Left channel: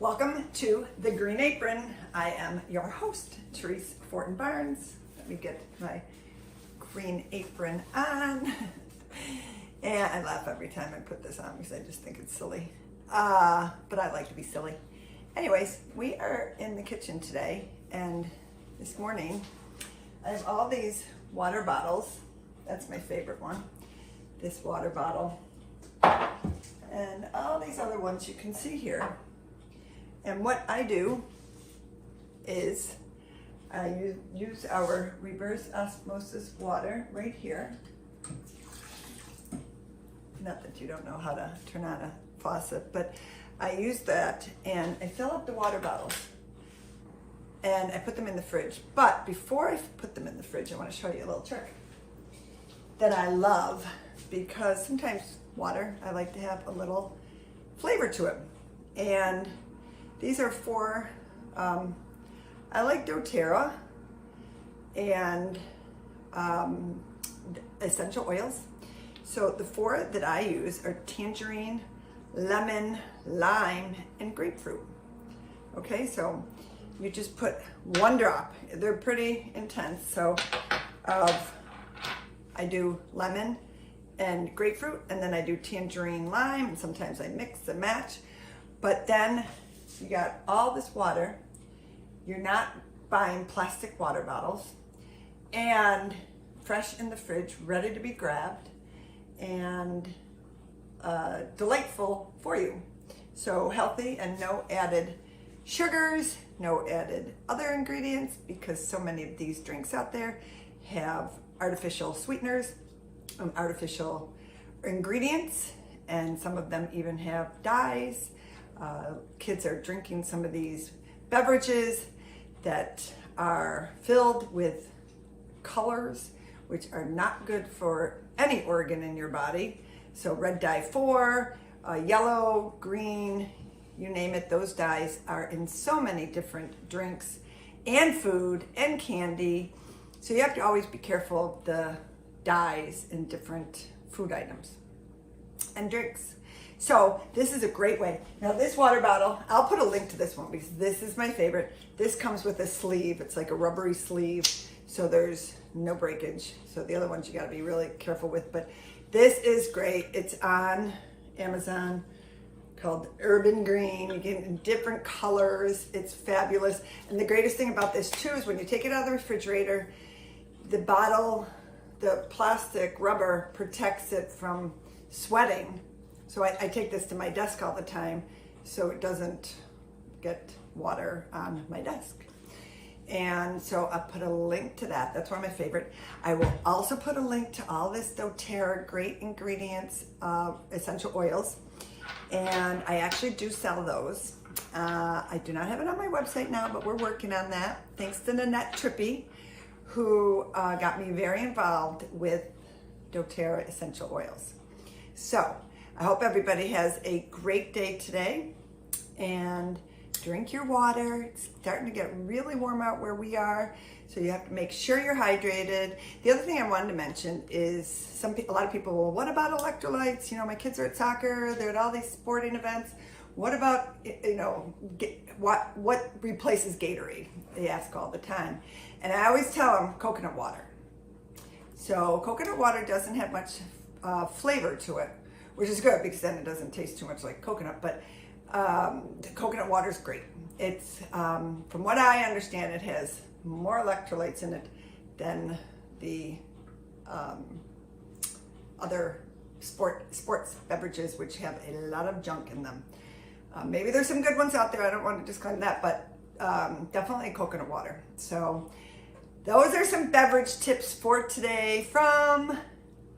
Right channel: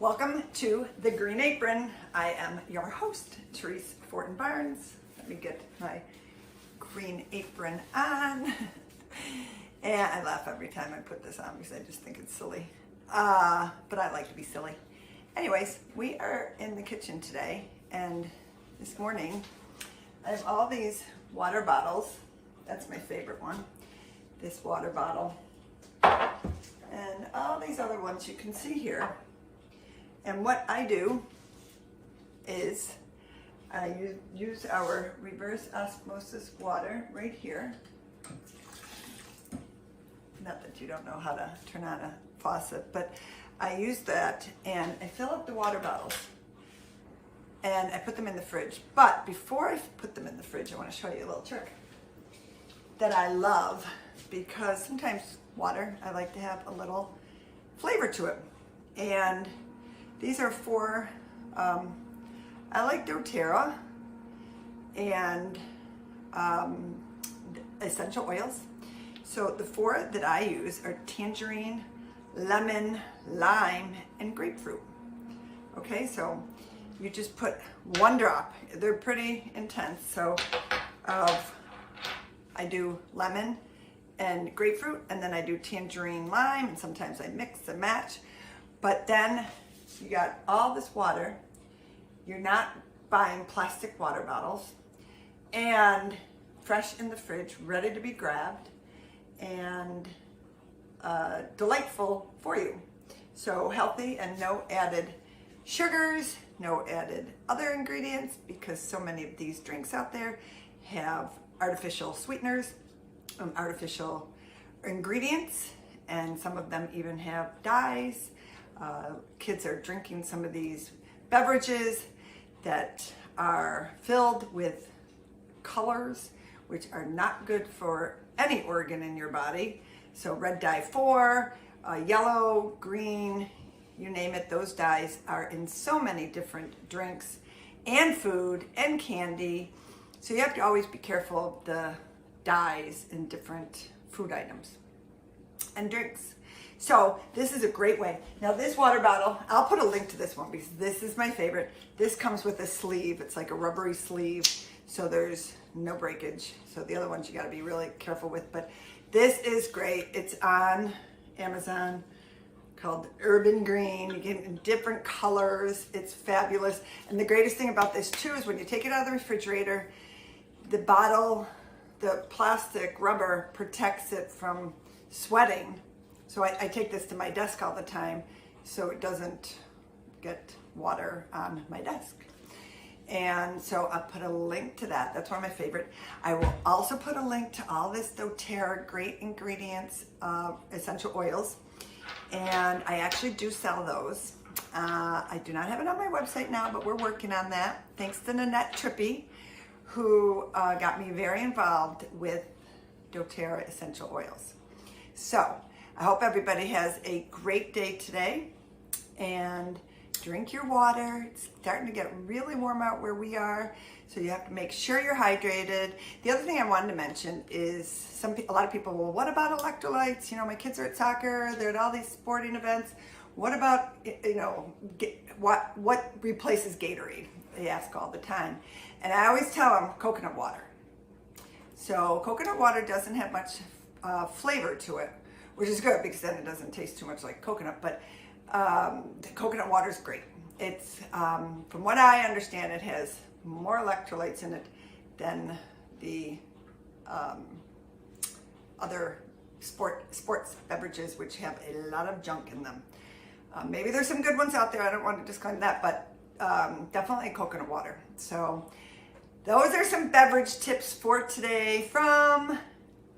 Welcome to The Green Apron. I am your host, Therese Fortin Barnes. Let me get my green apron on. And I laugh every time I put this on because I just think it's silly. But I like to be silly. Anyways, we are in the kitchen today, and this morning I have all these water bottles. That's my favorite one, this water bottle. And all these other ones you can see here. And what I do is I use our reverse osmosis water right here. Not that you don't know how to turn on a faucet, but I use that and I fill up the water bottles and I put them in the fridge. But before I put them in the fridge, I want to show you a little trick that I love, because sometimes water, I like to have a little flavor to it. And these are four, I like doTERRA and essential oils. So the four that I use are tangerine, lemon, lime, and grapefruit. Okay, so you just put one drop. They're pretty intense. So I do lemon and grapefruit, and then I do tangerine, lime, and sometimes I mix and match. But then you got all this water. You're not buying plastic water bottles, and fresh in the fridge, ready to be grabbed, and delightful for you. So healthy and no added sugars, no added other ingredients, because so many of these drinks out there have artificial sweeteners, artificial ingredients, and some of them even have dyes. Kids are drinking some of these beverages that are filled with colors, which are not good for any organ in your body. So red dye 4, yellow, green, you name it, those dyes are in so many different drinks and food and candy. So you have to always be careful of the dyes in different food items and drinks. So this is a great way. Now this water bottle, I'll put a link to this one because this is my favorite. This comes with a sleeve. It's like a rubbery sleeve, so there's no breakage. So the other ones you gotta be really careful with, but this is great. It's on Amazon, called Urban Green. You get it in different colors. It's fabulous. And the greatest thing about this too is when you take it out of the refrigerator, the bottle, the plastic rubber protects it from sweating. So I take this to my desk all the time so it doesn't get water on my desk. And so I'll put a link to that. That's one of my favorite. I will also put a link to all this doTERRA great ingredients, essential oils. And I actually do sell those. I do not have it on my website now, but we're working on that. Thanks to Nanette Trippy, who got me very involved with doTERRA essential oils. So I hope everybody has a great day today, and drink your water. It's starting to get really warm out where we are, so you have to make sure you're hydrated. The other thing I wanted to mention is a lot of people, well, what about electrolytes? You know, my kids are at soccer, they're at all these sporting events. What about, you know, what replaces Gatorade? They ask all the time. And I always tell them coconut water. So coconut water doesn't have much flavor to it, which is good because then it doesn't taste too much like coconut, but the coconut water is great. It's, from what I understand, it has more electrolytes in it than the other sports beverages, which have a lot of junk in them. Maybe there's some good ones out there. I don't want to disclaim that, but definitely coconut water. So those are some beverage tips for today from